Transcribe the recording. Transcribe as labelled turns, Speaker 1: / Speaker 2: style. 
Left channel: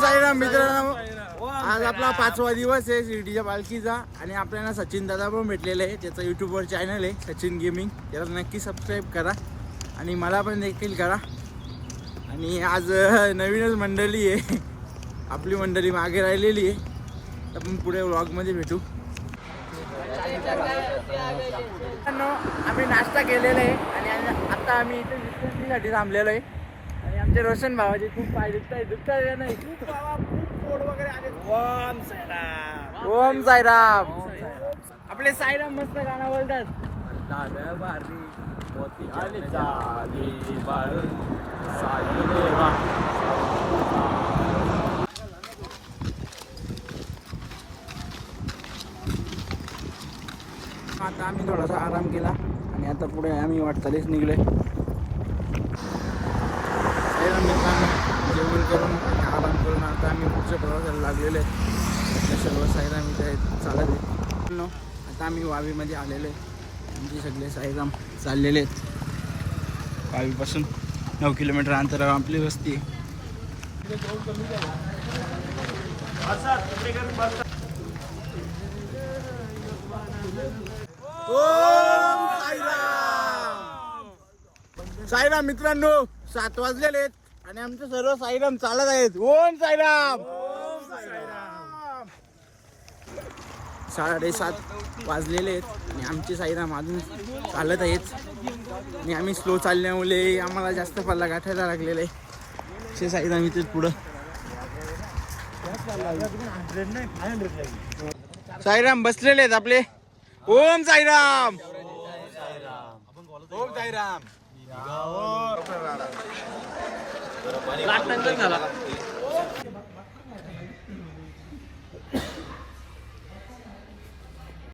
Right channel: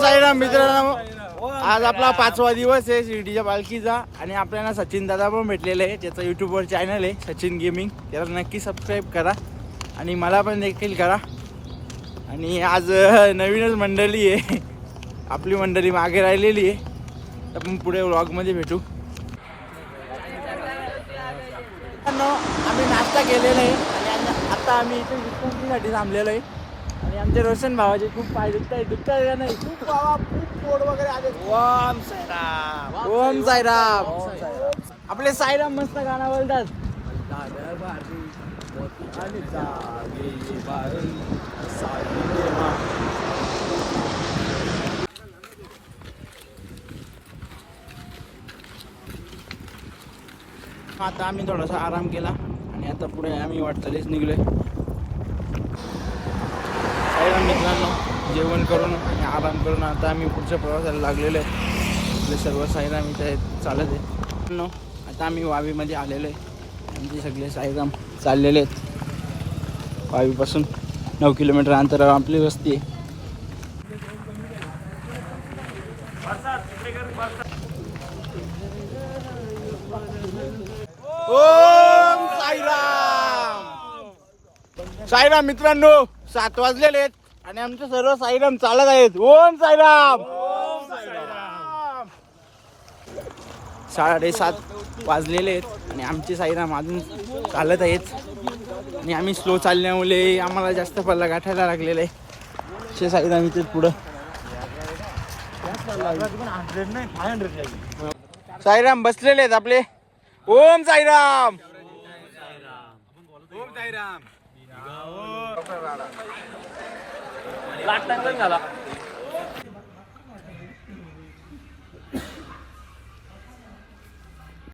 Speaker 1: साईराम मित्रांनो. आज आपला पाचवा दिवस आहे शिर्डीच्या पालखीचा आणि आपल्याला सचिन दादा पण भेटलेले आहे त्याचा युट्यूबवर चॅनल आहे सचिन गेमिंग त्याला नक्की सबस्क्राईब करा आणि मला पण देखील करा. आणि आज नवीनच मंडळी आहे. आपली मंडळी मागे राहिलेली आहे. आपण पुढे व्लॉगमध्ये भेटू. आम्ही नाश्ता केलेला आहे आणि आता आम्ही इथे विश्रांतीसाठी थांबलेलो आहे. आणि आमचे रोशन भावाचे खूप पाय दुखत आहे दुखत आहे का नाही? खूप बाबा खूप पोट वगैरे आले. ओम साईराम. ओम साईराम. आपले साईराम मस्त गाणं बोलतात. आता आम्ही थोडासा आराम केला आणि आता पुढे आम्ही वाटचालीस निघलोय. साईराम मित्रांनो? जेवण करून आणि आराम करून आता आम्ही पुढच्या प्रवासाला लागलेलो आहे. आपले सर्व साईराम इथे आहेत चालत आहेत. मित्रांनो, आता आम्ही वावीमध्ये आलेलो आहे. आमचे सगळे साईराम चाललेले आहेत. वावीपासून नऊ किलोमीटर अंतरावर आपली वस्ती आहे. साईराम मित्रांनो सात वाजलेले आहेत आणि आमचे सर्व साईराम चालत आहेत. ओम साईराम! साडेसात वाजलेले आहेत आणि आमचे साईराम अजून चालत आहेत. आणि आम्ही स्लो चालल्यामुळे आम्हाला जास्त पल्ला गाठायला लागलेला आहे. शे साईराम इथे पुढं. साईराम बसलेले आहेत आपले. ओम साईराम! ओम साईराम. लाख टन झाला.